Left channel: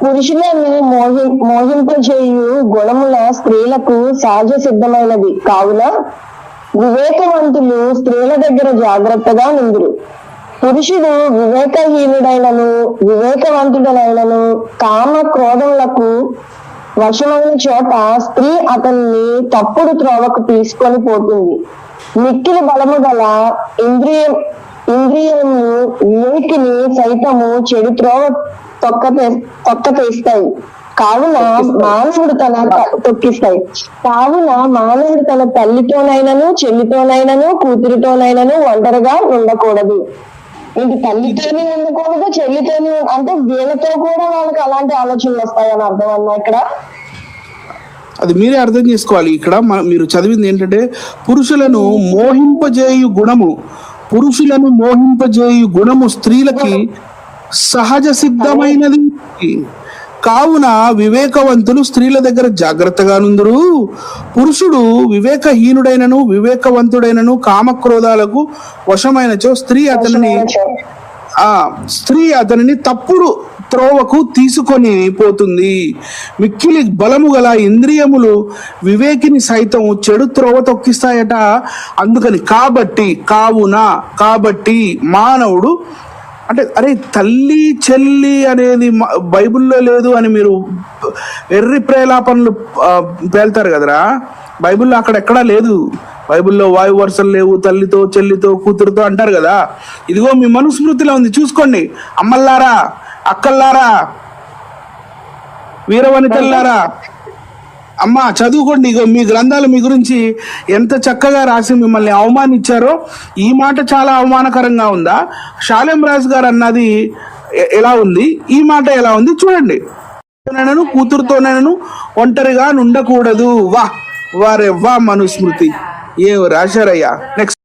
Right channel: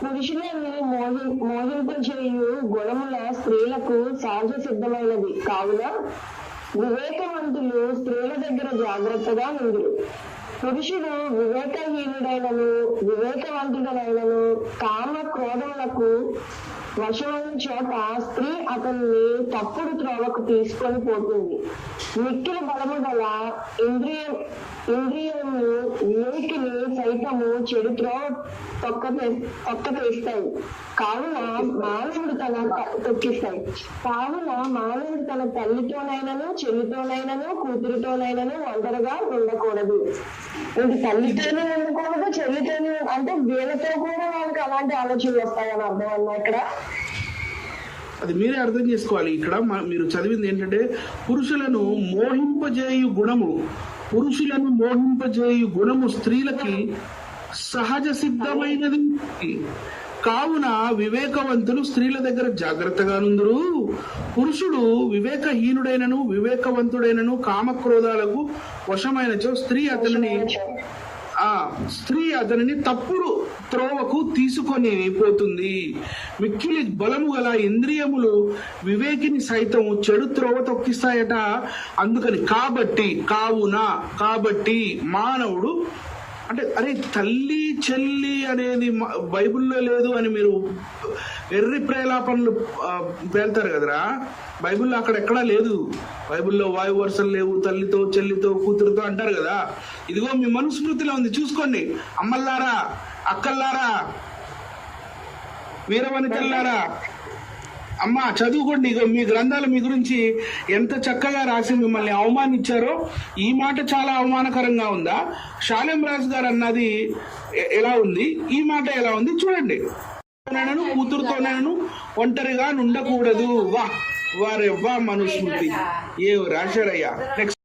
పురుషులను మోహింపజేయు గుణముల స్త్రీలకు సహజ సిద్ధమైనది కావున వివేకవంతులు స్త్రీల దగ్గర జాగ్రత్తగా నుందురు. పురుషుడు వివేకహీనుడైనను వివేకవంతుడనైనను కామ క్రోధములకు వశమైన చోట స్త్రీ అతన్ని తప్పుడు త్రోవకు తీసుకొని పోతుంది. మిక్కిలి బలము గల ఇంద్రియము వివేకిని సైతము చెడు త్రోవ తొక్కతీస్తాయి. కావున మానవుడు తన తల్లితోనైనను చెల్లితోనైనను కూతురితోనైనను ఒంటరిగా ఉండకూడదు. ఏంటి తల్లితోనే ఉండకూడదు, చెల్లితోనే అంటే వీళ్ళతో కూడా వాళ్ళకి అలాంటి ఆలోచనలు వస్తాయని అర్థం అన్నా ఇక్కడ. అది మీరే అర్థం చేసుకోవాలి. ఇక్కడ మీరు చదివింది ఏంటంటే పురుషులను మోహింపజేయు గుణము స్త్రీలకి సహజ సిద్ధమైనది కావున వివేకవంతులు స్త్రీల దగ్గర జాగ్రత్తగా నుందురు. పురుషుడు వివేకవంతుడైనను కామక్రోధాలకు వశమైనచో స్త్రీ అతనిని తప్పుడు త్రోవకు తీసుకొని పోతుంది. మిక్కిలి బలము గల ఇంద్రియములు వివేకిని సైతం చెడు త్రోవ తొక్కిస్తాయట. అందుకని కాబట్టి మానవుడు అంటే అరే తల్లి చెల్లి అనేది బైబిల్లో లేదు అని మీరు ఎర్రి ప్రేలాపనలు పేల్తారు కదరా. బైబిల్లో అక్కడెక్కడా లేదు. బైబిల్లో వాయు వరుసలు లేవు, తల్లితో చెల్లితో కూతురుతో అంటారు కదా. ఇదిగో మీ మనుస్మృతిలో ఉంది, చూసుకోండి. అమ్మల్లారా, అక్కల్లారా, వీరవనితల్లారా, అమ్మ చదువుకోండి. ఇగో మీ గ్రంథాలు మీ గురించి ఎంత చక్కగా రాసి మిమ్మల్ని అవమానించారో. ఈ మాట చాలా అవమానకరంగా ఉందా? షాలేం రాజు గారు అన్నది ఎలా ఉంది, ఈ మాట ఎలా ఉంది చూడండి. కూతురుతోనైనను ఒంటరిగా ఉండకూడదు. వారే మనుస్మృతి ఏ రాశారయ్యా. నెక్స్ట్